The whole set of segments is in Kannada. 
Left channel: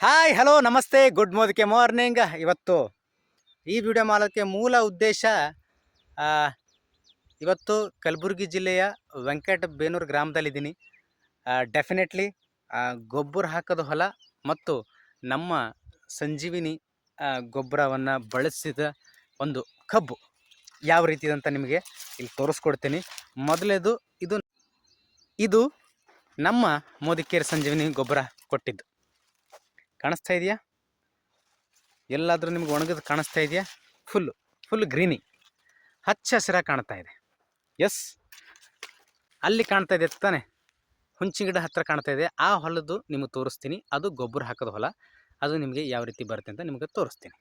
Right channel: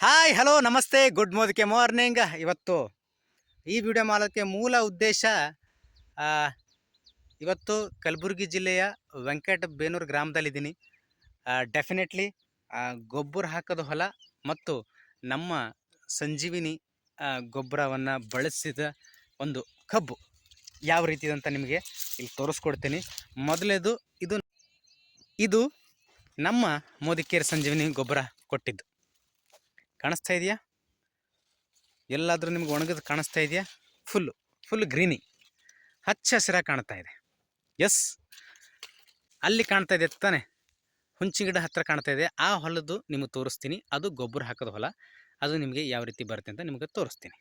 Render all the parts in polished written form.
ಹಾಯ್ ಹಲೋ ನಮಸ್ತೆ ಗುಡ್ ಮಾರ್ನಿಂಗ್. ಇವತ್ತು ಈ ವಿಡಿಯೋ ಮಾಡೋಕ್ಕೆ ಮೂಲ ಉದ್ದೇಶ, ಇವತ್ತು ಕಲಬುರಗಿ ಜಿಲ್ಲೆಯ ವೆಂಕಟಬೇನೂರು ಗ್ರಾಮದಲ್ಲಿದ್ದೀನಿ. ಡೆಫಿನೆಟ್ಲಿ ಗೊಬ್ಬರ ಹಾಕೋದು ಹೊಲ ಮತ್ತು ನಮ್ಮ ಸಂಜೀವಿನಿ ಗೊಬ್ಬರವನ್ನು ಬಳಸಿದ ಒಂದು ಕಬ್ಬು ಯಾವ ರೀತಿ ಅಂತ ನಿಮಗೆ ಇಲ್ಲಿ ತೋರಿಸ್ಕೊಡ್ತೀನಿ. ಮೊದಲೇದು ಇದು ನಮ್ಮ ಮೋದಿಕೇರಿ ಸಂಜೀವಿನಿ ಗೊಬ್ಬರ ಕೊಟ್ಟಿದ್ದು ಕಾಣಿಸ್ತಾ ಇದೆಯಾ? ಎಲ್ಲಾದರೂ ನಿಮ್ಗೆ ಒಣಗಿದು ಕಾಣಿಸ್ತಾ ಇದೆಯಾ? ಫುಲ್ ಗ್ರೀನಿ, ಹಚ್ಚ ಹಸಿರಾಗಿ ಕಾಣ್ತಾ ಇದೆ. ಎಸ್, ಅಲ್ಲಿ ಕಾಣ್ತಾ ಇದೆ ತಾನೆ, ಹುಂಚಿ ಗಿಡ ಹತ್ತಿರ ಕಾಣ್ತಾ ಇದೆ. ಆ ಹೊಲದ್ದು ನಿಮಗೆ ತೋರಿಸ್ತೀನಿ. ಅದು ಗೊಬ್ಬರ ಹಾಕೋದು ಹೊಲ. ಅದು ನಿಮಗೆ ಯಾವ ರೀತಿ ಬರುತ್ತೆ ಅಂತ ನಿಮಗೆ ತೋರಿಸ್ತೀನಿ.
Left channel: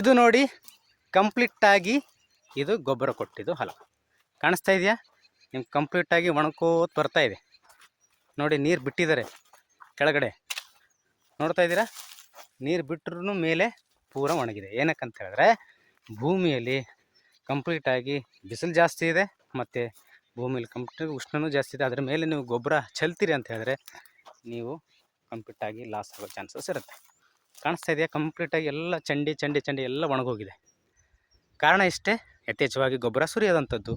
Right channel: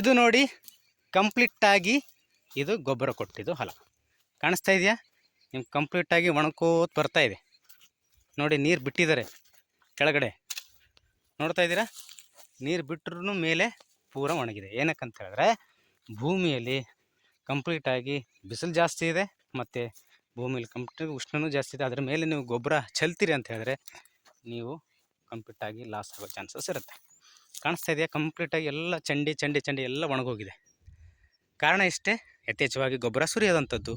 ಇದು ನೋಡಿ, ಕಂಪ್ಲೀಟಾಗಿ ಇದು ಗೊಬ್ಬರ ಕೊಟ್ಟಿದ್ದು ಹೊಲ ಕಾಣಿಸ್ತಾ ಇದೆಯಾ? ನಿಮ್ಗೆ ಕಂಪ್ಲೀಟಾಗಿ ಒಣಕೋತ್ ಬರ್ತಾ ಇದೆ ನೋಡಿ. ನೀರು ಬಿಟ್ಟಿದ್ದಾರೆ ಕೆಳಗಡೆ, ನೋಡ್ತಾ ಇದ್ದೀರಾ? ನೀರು ಬಿಟ್ಟರು ಮೇಲೆ ಪೂರ ಒಣಗಿದೆ. ಏನಕ್ಕಂತ ಹೇಳಿದ್ರೆ ಭೂಮಿಯಲ್ಲಿ ಕಂಪ್ಲೀಟಾಗಿ ಬಿಸಿಲು ಜಾಸ್ತಿ ಇದೆ ಮತ್ತು ಭೂಮಿಯಲ್ಲಿ ಕಂಪ್ಲೀಟಾಗಿ ಉಷ್ಣನೂ ಜಾಸ್ತಿ ಇದೆ. ಅದರ ಮೇಲೆ ನೀವು ಗೊಬ್ಬರ ಚೆಲ್ತೀರಿ ಅಂತ ಹೇಳಿದ್ರೆ ನೀವು ಕಂಪ್ಲೀಟಾಗಿ ಲಾಸ್ ಆಗೋ ಚಾನ್ಸಸ್ ಇರುತ್ತೆ. ಕಾಣಿಸ್ತಾ ಇದೆಯಾ? ಕಂಪ್ಲೀಟಾಗಿ ಎಲ್ಲ ಚಂಡಿ ಎಲ್ಲ ಒಣಗೋಗಿದೆ. ಕಾರಣ ಇಷ್ಟೇ, ಯಥೇಚ್ಛವಾಗಿ ಗೊಬ್ಬರ ಸುರಿಯೋದಂಥದ್ದು,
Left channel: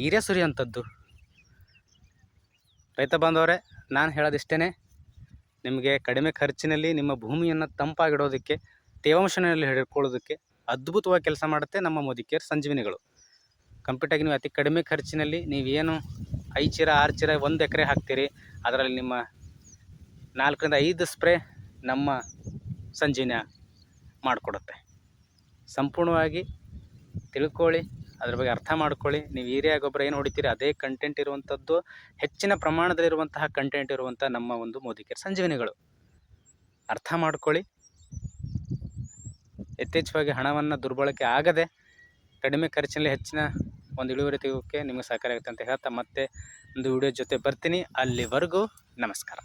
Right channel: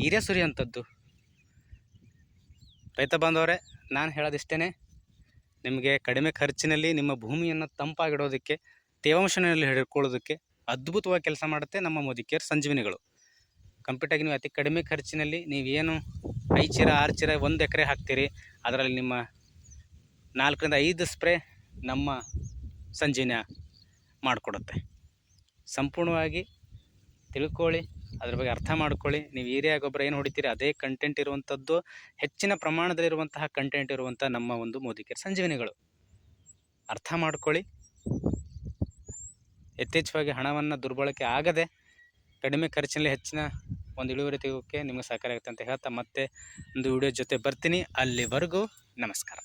ಹೀರೆ ಸುರಿಯೋಂಥದ್ದು. ರೈತ ಬಾಂಧವರೇ, ನಾನು ಹೇಳೋದಿಷ್ಟೇ, ನಿಮಗೆ ಕಡಿಮೆ ಖರ್ಚಿನಲ್ಲಿ ನಿಮ್ಮ ಭೂಮಿಯನ್ನು ತಂಪಾಗಿಡೋದಕ್ಕೆ, ತೇವಾಂಶನಲ್ಲಿ ಹಿಡ್ಕೊಳ್ಳೋದಕ್ಕೆ ಅದ್ಭುತವಾಗಿ ಕೆಲಸ ಮಾಡುತ್ತೆ ನಮ್ಮ ಮೋದಿಕೇರ್ ಸಂಜೀವಿನಿಗಳು. ಕಂಪ್ಲೀಟಾಗಿ ನೀವು ಅತಿ ಕಡಿಮೆ ಖರ್ಚಿನಲ್ಲಿ ನೀವೇನು 5 ಚೀಲ 6 ಚೀಲ 1 ಎಕರೆ ಹಾಕ್ತೀರಿ, ಅದರಲ್ಲಿ ನಿಮ್ಮ 4 ರಿಂದ 5 ಸ್ಪ್ರೇ ನಮ್ಮ ಸಂಜೀವಿನಿ ಮಾಡಿಕೊಡುತ್ತೆ. ಸಂಪೂರ್ಣವಾಗಿ ತಿಳ್ಕೊಳ್ಳಿ, ಅದ್ರ ಬಗ್ಗೆ ಅರ್ಥ ಮಾಡ್ಕೊಳ್ಳಿ. ನೀವು ಯೂರಿಯಾ ಗೊಬ್ಬರ ಏನು ಹೊಡಿತೀರಿ ಅದೇ ಕಂಟೆಂಟ್ ಇರುವಂಥದ್ದು, ಹೆಚ್ಚಿನ ಪ್ರಮಾಣದಲ್ಲಿರುವಂತಹ ಕಂಟೆಂಟ್ ಇರುವಂಥ ನಮ್ಮ ಒಂದು ಮೋದಿಕೇರ್ ಸಂಜೀವಿನಿಗಳು. ಅರ್ಥ ಮಾಡ್ಕೊಳ್ಳಿ. ಯಥೇಚ್ಛವಾಗಿ ಹಣವನ್ನು ದುರ್ಬಳಕೆ ಆಗದೆ ಕಡಿಮೆ ಖರ್ಚಿನಲ್ಲಿ ಹೆಚ್ಚಿನ ಒಂದು ಇಳುವರಿ ತೆಗೋಕ್ಕೆ ನಿಮಗೆ ಸಹಕಾರಿ ಆಗುತ್ತೆ ಅಂತ ಹೇಳ್ತಾ ಮತ್ತೆ ಒಂದು ವಿಡಿಯೋ ಜೊತೆ ಬರ್ತೀನಿ. ಅಲ್ಲಿವರೆಗೂ ನಮಸ್ಕಾರ.